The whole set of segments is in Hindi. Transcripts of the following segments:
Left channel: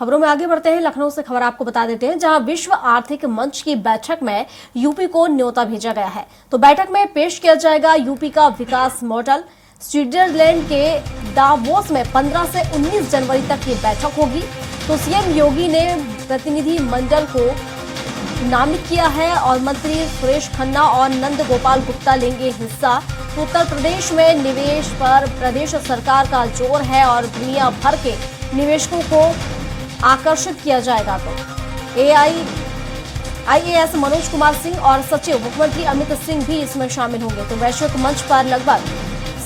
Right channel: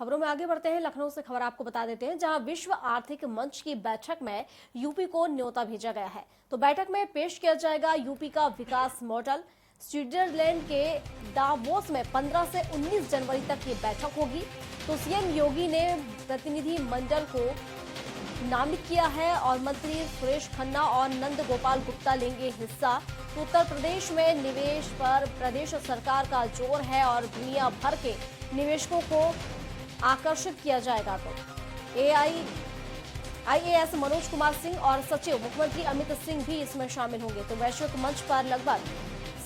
खबरों में आगे बढ़ते हैं। लखनऊ से खबर आपको बता देते हैं, जहां विश्व आर्थिक मंच की बैठक में यूपी को न्योता भेजा गया है। तो बैठक में पेश किया जाएगा यूपी का विकास मॉडल। स्विट्जरलैंड के दावोस में 15 से 19 जनवरी तक ये बैठक होगी। तो सीएम योगी ने प्रतिनिधि मंडल को नामित किया है और मंत्री सुरेश खन्ना और नंद गोपाल गुप्ता लेंगे हिस्सा। तो उत्तर प्रदेश में निवेश पर प्रदेश सरकार का जोर है और दुनिया भर के निवेशकों को आकर्षित किया जाएगा। तो आईएएस मनोज कुमार सिंह और सचिव मुख्यमंत्री अमित सिंह भी इसमें शामिल होंगे। तो वैश्विक मंच पर लगभग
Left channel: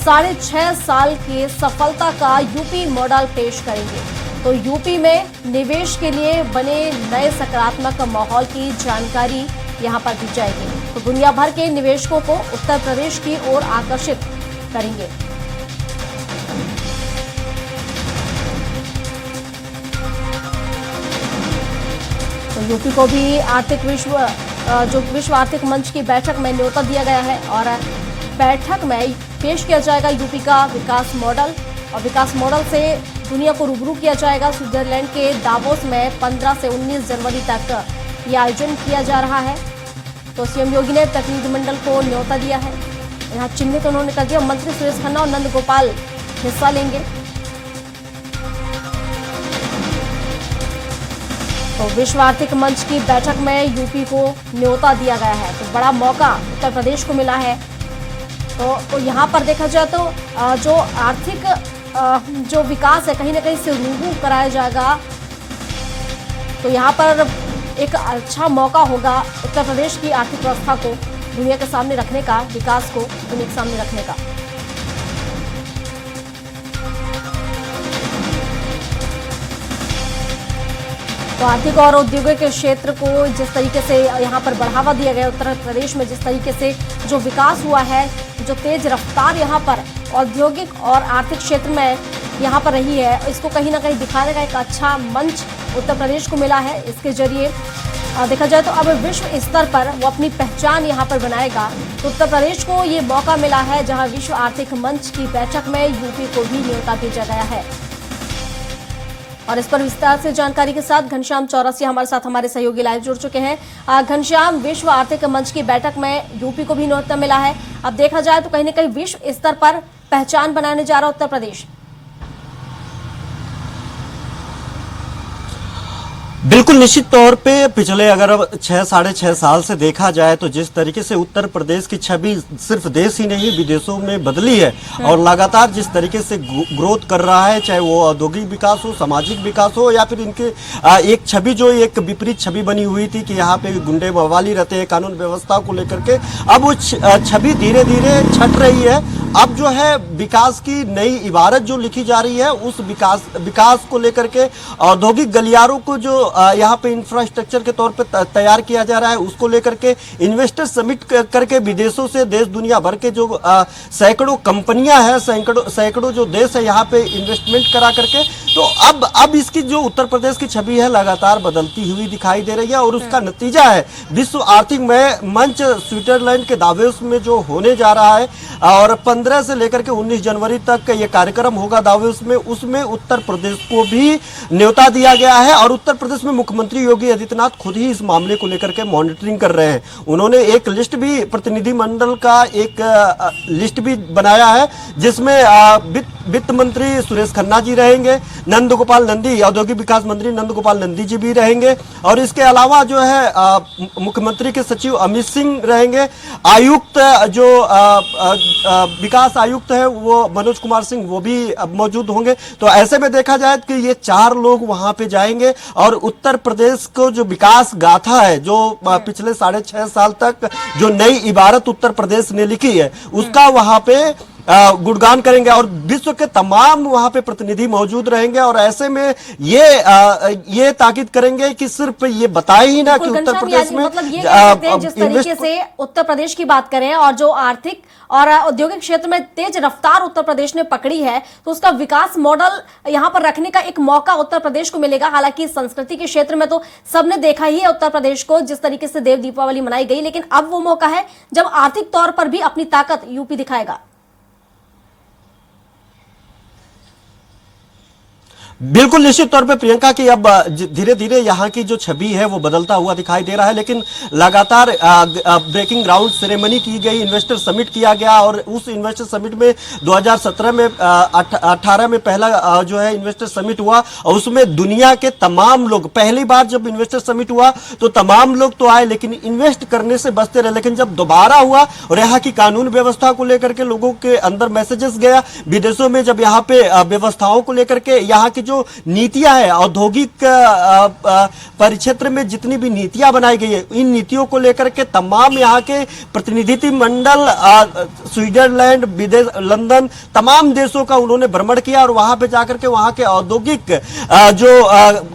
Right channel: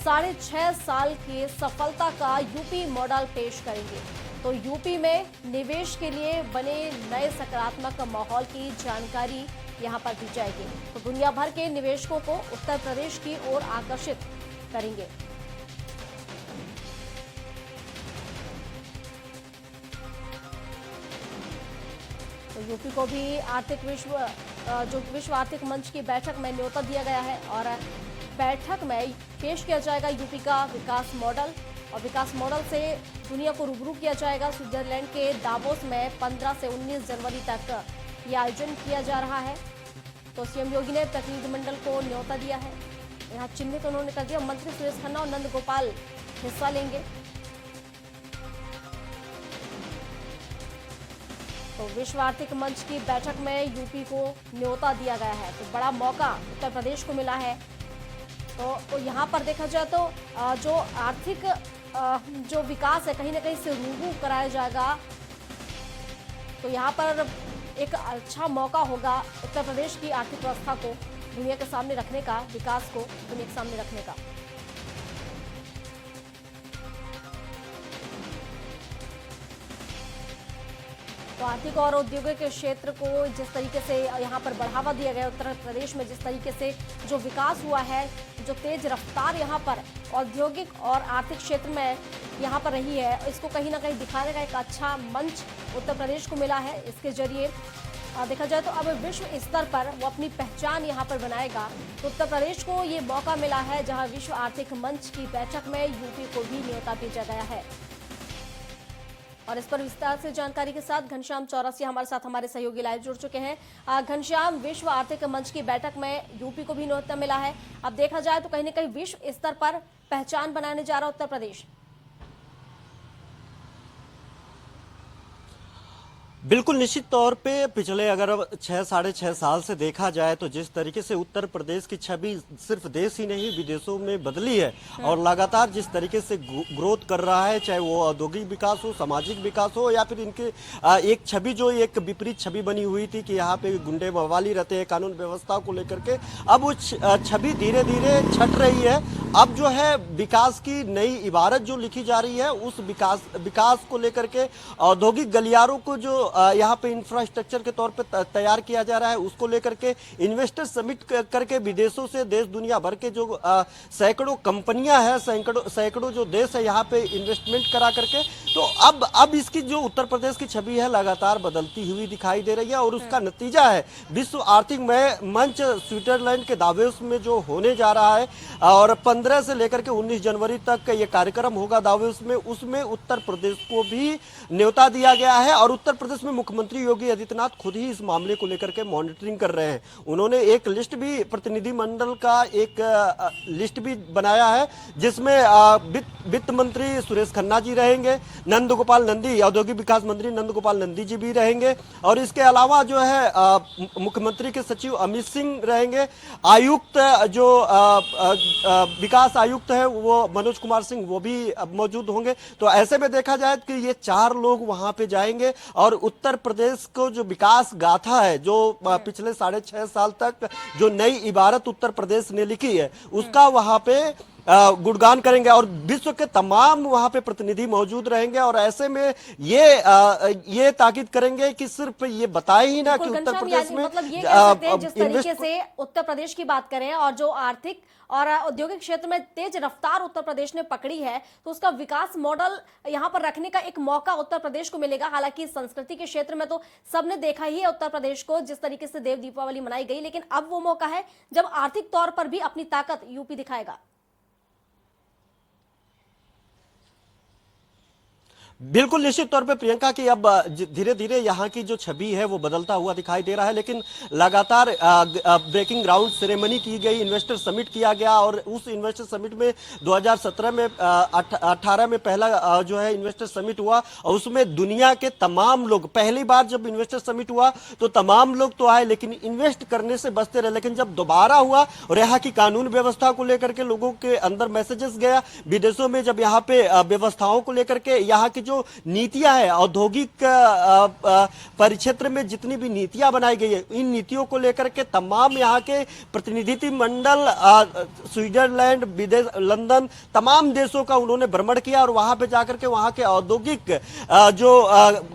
6.5 साल की सफलता का यूपी मॉडल पेश करेंगे। तो यूपी में निवेश के लिए बने नए सकारात्मक माहौल की जानकारी यहां पर दी जाएगी। तो दुनिया भर के निवेशकों को उत्तर प्रदेश की ओर आकर्षित करेंगे। तो यूपी को भी विश्व आर्थिक मंच की बैठक में न्योता दिया गया है और बैठक में पेश किया जाएगा यूपी का विकास मॉडल। और विकास मॉडल से दुनिया को रूबरू किया जाएगा। स्विट्जरलैंड के दावोस में 15 से 19 जनवरी तक यह आयोजन किया जा रहा है। तो सीएम योगी ने प्रतिनिधिमंडल को न्योता दिया है, यहाँ चिन्हित उन्होंने कर दिया। मंत्री सुरेश खन्ना और नंद गोपाल हिस्सा लेंगे। तो विश्व आर्थिक मंच की बैठक में यूपी को न्योता दिया गया है। तो बड़ा मौका उत्तर प्रदेश को मिला है। तो यहाँ पर देखा जाए तो जो आर्थिक जो विकास है कहीं ना कहीं से रूबरू कराया जाएगा। तो यहाँ पर एक अच्छा मौका होगा उत्तर प्रदेश की आर्थिक व्यवस्था को दुनिया के सामने रखने का, विकास को दुनिया के सामने रखने का। तो आर्थिक और औद्योगिक क्षेत्र को जिस तरीके से यहाँ पर बढ़ावा दिया गया, उत्तर प्रदेश में जिस तरीके से जो विकास हुआ है, जो तेज रफ्तार यहाँ पर औद्योगिक और आर्थिक क्षेत्र में यहाँ पर रही है, इसको कहीं ना कहीं दिखाने का एक अच्छा मंच उत्तर प्रदेश को मिला है। इसके जरिए देखा जाए तो अब विश्व स्तर पर वो अपनी पहचान यहाँ पर बनाएगा। तो उत्तर प्रदेश को ये मौका मिला है, जहाँ विश्व आर्थिक मंच की बैठक में यूपी को भी न्योता भेजा गया है। और इस पर विस्तार से जानकारी के साथ घनश्याम चौरसिया हमारे साथ हमारे सहयोगी लाइव जुड़ चुके हैं। घनश्याम, विश्व आर्थिक मंच की बैठक में यूपी को भी न्योता मिला है। अब देखा जाए तो कहीं ना कहीं विश्व स्तर पर पहचान बनाने जा रहा उत्तर प्रदेश। बिल्कुल निश्चित तौर पे पिछले अगर 6-6.5 साल से देखा जाए तो जिस तरीके से उत्तर प्रदेश की छवि सिर्फ देश ही नहीं विदेशों में बदली है और लगातार जिस तरीके से ग्रोथ कर रहा है, चाहे वो औद्योगिक विकास हो, सामाजिक विकास हो या फिर इनके एक छवि जो एक विपरीत छवि बनी हुई थी कि यहाँ पे गुंडे बवाली रहते हैं कानून व्यवस्था को लेकर के, अब वो छवि धीरे धीरे छट रही है। अब जो है विकास की नई इबारत जो लिखी जा रही है, उस विकास को लेकर के औद्योगिक गलियारों को जो यहाँ पे इंफ्रास्ट्रक्चर के तौर पे तैयार किया जा रहा है, उसको लेकर के इन्वेस्टर समिट करके विदेशों से देश दुनिया भर के जो सैकड़ों कंपनियां हैं, सैकड़ों जो देश है यहाँ पे इन्वेस्टमेंट करा करके, तो अब इसकी जो उत्तर प्रदेश की छवि है लगातार बदलती हुई दिखाई दे रही है। और उसका नतीजा है विश्व आर्थिक मंच स्विट्जरलैंड के दावोस में जो होने जा रहा है और 15 से लेकर के 19 जनवरी तक ये कार्यक्रम होगा दावोस में, उसमें उत्तर प्रदेश को भी न्योता दिया गया है। और उत्तर प्रदेश में मुख्यमंत्री योगी आदित्यनाथ खुद ही इस मामले को लेकर के मॉनिटरिंग कर रहे हैं। उन्होंने एक लिस्ट भी, प्रतिनिधि मंडल का एक लिस्ट भी बनाया है, जिसमें वित्त मंत्री सुरेश खन्ना जी रहेंगे, नंद गोपाल नंदी, औद्योगिक विकास मंत्री नंद गोपाल नंदी जी भी रहेंगे और इसके अलावा जो है मुख्यमंत्री के सचिव अमित सिंह रहेंगे, आयुक्त जो विकास आयुक्त है वो मनोज कुमार सिंह वो भी मौजूद होंगे। तो ऐसे में देखा जाए कि ये 4 लोग वहां पे जाएंगे और उत्तर प्रदेश को जो विकास गाथा है, जो पिछले 6.5 साल तक जो नई इबारत उत्तर प्रदेश ने लिखी है, उसका वहां पे गुणगान करेंगे और विश्व के तमाम वहां पे प्रतिनिधि मौजूद रहेंगे। और ऐसे में ये ताकीद करेंगे कि सिर्फ ये बताए ही ना कि उत्तर प्रदेश में मतलब ये कह सकते हैं जिस तरीके से उत्तर प्रदेश की बात करें और जो आर्थिक और औद्योगिक क्षेत्र में तेज रफ्तार उत्तर प्रदेश ने पकड़ी है, तो उसका विकास मॉडल यहां पर रखने का एक मौका उत्तर प्रदेश को मिलेगा। हालांकि संस्कृति के क्षेत्र में तो सबने देखा ही है उत्तर प्रदेश को, जिस तरीके से देव दीपावली मनाई गई, लेकिन अब वो मौका है जब आर्थिक तौर पर भी अपनी ताकत यूपी दिखाएगा। बिल्कुल निश्चित तौर पे प्रियंका की अब धीरे धीरे यहाँ की जो छवि है वो बदलता हुआ दिखाई दे रहा है, लेकिन लगातार ब्रेकिंग ग्राउंड सेरेमनी की गई, इन्वेस्टर समिट किया गया और उस इन्वेस्टर समिट में 2017 में 18 में पहला जो है इन्वेस्टर समिट हुआ और उसमें दुनिया के तमाम लोग, पहली बार जब इन्वेस्टर समिट हुआ तो तमाम लोग तो आए लेकिन इन्वेस्ट करने से बचते रहे, लेकिन जब दोबारा हुआ और यहाँ की कानून व्यवस्था को लेकर के लोगों के अंदर मैसेजेस गया, विदेशों में जब यहाँ पे व्यवस्थाओं को लेकर के यहाँ की जो नीतियां हैं, औद्योगिक परिक्षेत्र में जितनी भी नीतियां बनाई गई है, इन नीतियों को लेकर के तमाम यहाँ के प्रतिनिधि मंडल स्विट्जरलैंड, विदेश, लंदन, तमाम देशों का उन्होंने भ्रमण किया और वहां पे जाकर के वहां के औद्योगिक जो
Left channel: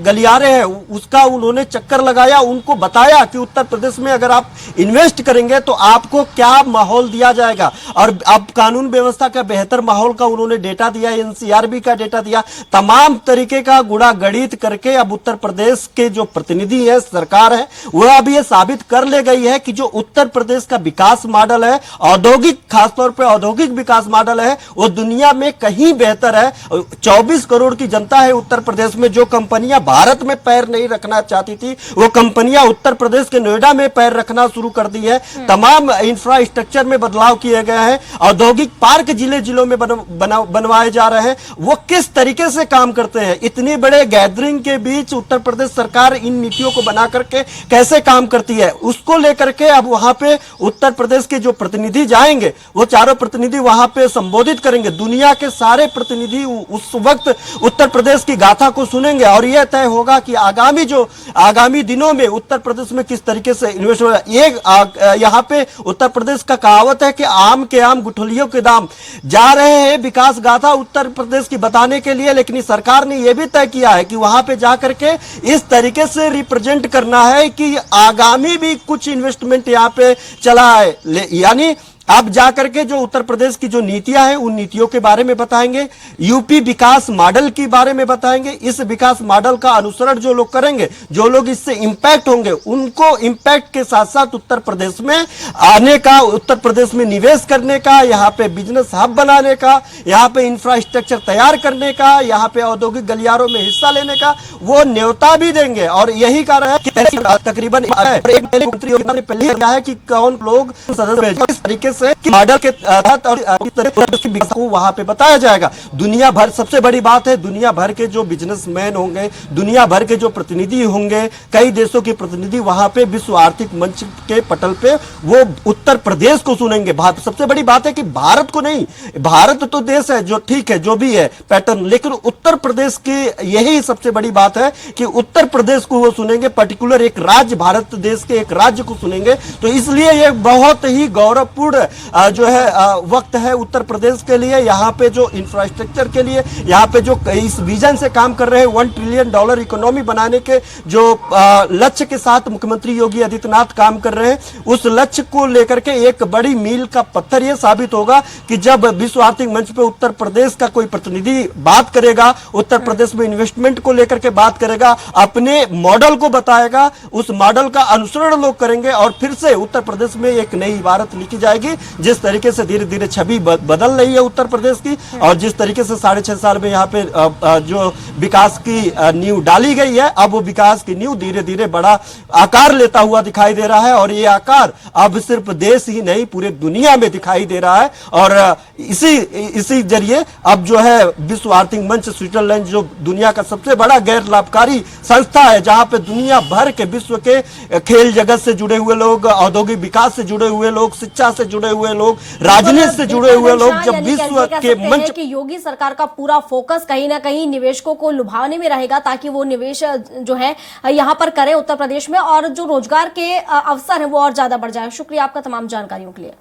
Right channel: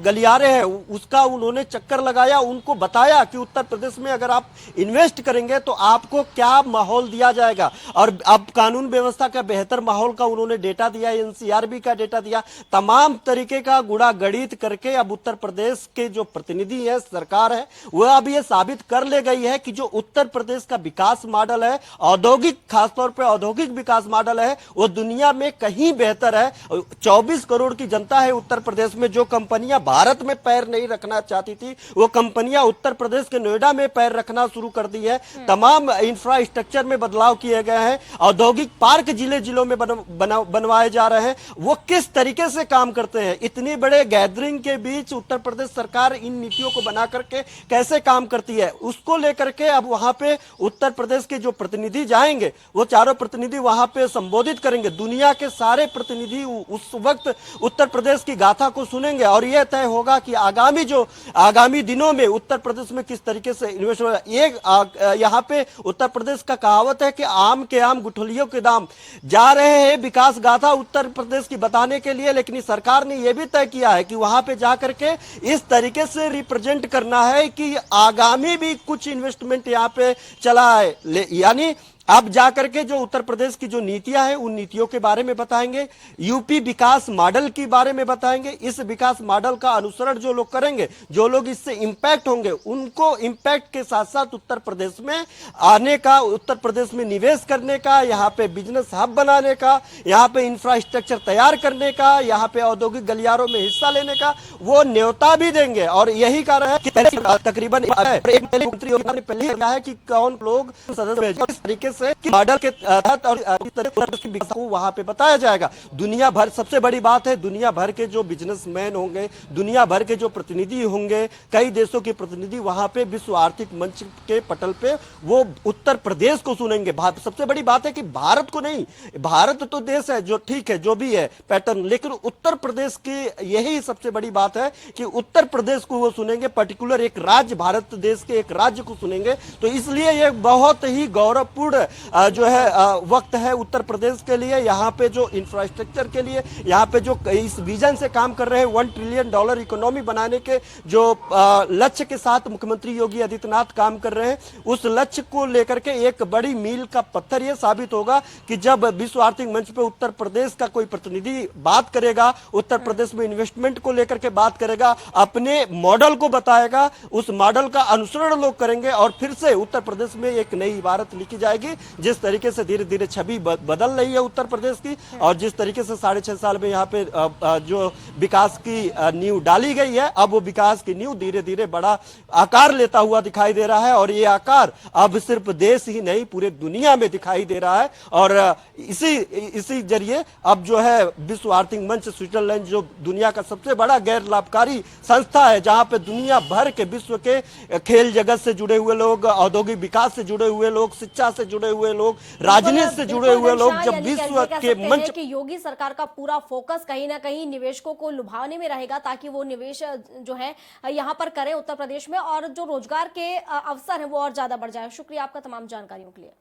गलियारे हैं उसका उन्होंने चक्कर लगाया, उनको बताया कि उत्तर प्रदेश में अगर आप इन्वेस्ट करेंगे तो आपको क्या माहौल दिया जाएगा और अब कानून व्यवस्था का बेहतर माहौल का उन्होंने डेटा दिया, एनसीआरबी का डेटा दिया, तमाम तरीके का गुणा गणित करके अब उत्तर प्रदेश के जो प्रतिनिधि है, सरकार है, वह अब ये साबित कर ले गई है कि जो उत्तर प्रदेश का विकास मॉडल है, औद्योगिक, खासतौर पे औद्योगिक विकास मॉडल है, वो दुनिया में कहीं बेहतर है। 24 करोड़ की जनता है उत्तर प्रदेश में, जो कंपनियां भारत में पैर नहीं रखना चाहती थी वो कंपनियां उत्तर प्रदेश के नोएडा में पैर रखना शुरू कर दी है। तमाम इंफ्रास्ट्रक्चर में बदलाव किए गए हैं, औद्योगिक पार्क जिले जिलों में बनवाए जा रहे हैं। वो किस तरीके से काम करते हैं, इतने बड़े गैदरिंग के बीच उत्तर प्रदेश सरकार इन नीतियों को बना करके कैसे काम करती है, उसको लेकर के अब वहां पे उत्तर प्रदेश के जो प्रतिनिधि जाएंगे वो चारों प्रतिनिधि वहां पे संबोधित करेंगे। दुनिया के सारे प्रतिनिधि उस वक्त उत्तर प्रदेश की गाथा को सुनेंगे और यह तय होगा कि आगामी दिनों में उत्तर प्रदेश में किस तरीके से इन्वेस्ट होगा। ये यहाँ पे उत्तर प्रदेश का कहावत है कि आम के आम गुठलियों के दाम, जा रहे हैं विकास गाथा उत्तर प्रदेश की बताने के लिए, लेकिन सरकार ने यह भी तय किया है कि वहां पे जाकर के इस तरीके से रिप्रेजेंट करना है कि आगामी भी कुछ इन्वेस्टमेंट यहाँ पे चला है, यानी अब जाकर के जो उत्तर प्रदेश की जो नीतियां हैं उन नीतियों के बारे में बताएंगे, यूपी विकास मॉडल के बारे में बताएंगे। इस विकास मॉडल का अनुसरण जो लोग करेंगे, जो लोग इससे इंपैक्ट होंगे, उनको इंपैक्ट के साथ साथ उत्तर प्रदेश में आने का, उत्तर प्रदेश में निवेश करने का, यहाँ पे बिजनेस हब बनाने का, यहाँ पे इंफ्रास्ट्रक्चर तैयार करने का, यहाँ पे औद्योगिक गलियारों में हिस्सा लेने का वो न्योता भी देंगे। और यही कारण है कि तकरीबन मंत्री ने पहले कहा है कि कौन लोग सदस्य इस तरीके कि मॉडल के तहत और इस तरह को वहां पे बताया जाएगा। दुनिया भर, सबसे बड़ी बात है, दुनिया भर के जो बिजनेसमैन होंगे, दुनिया भर के जो प्रतिनिधि होंगे, कई देशों के प्रतिनिधि वहां पे विश्व आर्थिक मंच के पटल पे वो उत्तर प्रदेश को सुनेंगे। सबसे बड़ी बात है कि भारत को नहीं, भारत तो देश है जो ठीक है, जो भी है पैटर्न, लेकिन उत्तर प्रदेश की यही सबसे बड़ी बात है कि उत्तर प्रदेश को वो सुनेंगे, पर्टिकुलर एक राज्य, भारत देश के एक राज्य को सुनेंगे। तो इसलिए ये बहुत ही गौरवपूर्ण जो है वक्त है उत्तर प्रदेश के लिए। यहाँ पे जो इंफ्रास्ट्रक्चर के लिए, यहाँ पे जो इस विजन से काम कर रहे हैं, $1 ट्रिलियन इकोनॉमी बनाने के जो लक्ष्य के साथ मुख्यमंत्री योगी आदित्यनाथ काम कर रहे हैं, उस लक्ष्य को लेकर के एक बड़ी मील का पत्थर यह साबित होगा कि जब विश्व आर्थिक मंच पे उत्तर प्रदेश का कोई प्रतिनिधि बात करेगा, उत्तर प्रदेश में इन्वेस्टमेंट को लेकर के बात करेगा, अपने मॉडल को बताएगा, उस मॉडल का अनुसरण लोग करेंगे और फिर से उत्तर प्रदेश में एक नई इबारत लिखी जाएगी। जिस तरीके से धीरे धीरे छवि बदल रही है उत्तर प्रदेश की और जिस तरीके से 6.5 साल में यहाँ पे जो विकास की नींव डाली गई है, अब वो विकास की नींव धीरे धीरे बड़ा आकार लेता हुआ दिखाई दे रहा है और ये आकार अब सिर्फ देश ही नहीं पूरे दुनिया में दिखाई दे रहा है। और इसी जरिए अब जो है विश्व आर्थिक मंच स्विट्जरलैंड, जो दुनिया का सबसे बड़ा गैर लाभकारी संस्था है, जहां पे दुनिया भर के विश्व के खेल जगत से जुड़े हुए लोग, औद्योगिक विकास से जुड़े हुए लोग, शिक्षा से जुड़े हुए लोग, राजनीति से जुड़े हुए लोग, जब विश्व के मंच कि योगी सरकार का पूरा फोकस कहीं ना कहीं निवेशकों को लुभाने में रहेगा ताकि वो निवेश जो है यहाँ पर करें उत्तर प्रदेश में और जो रोजगार के अवसर है वो और ज्यादा बढ़ जाए। शुक्रिया आपका तमाम जानकारियों के लिए।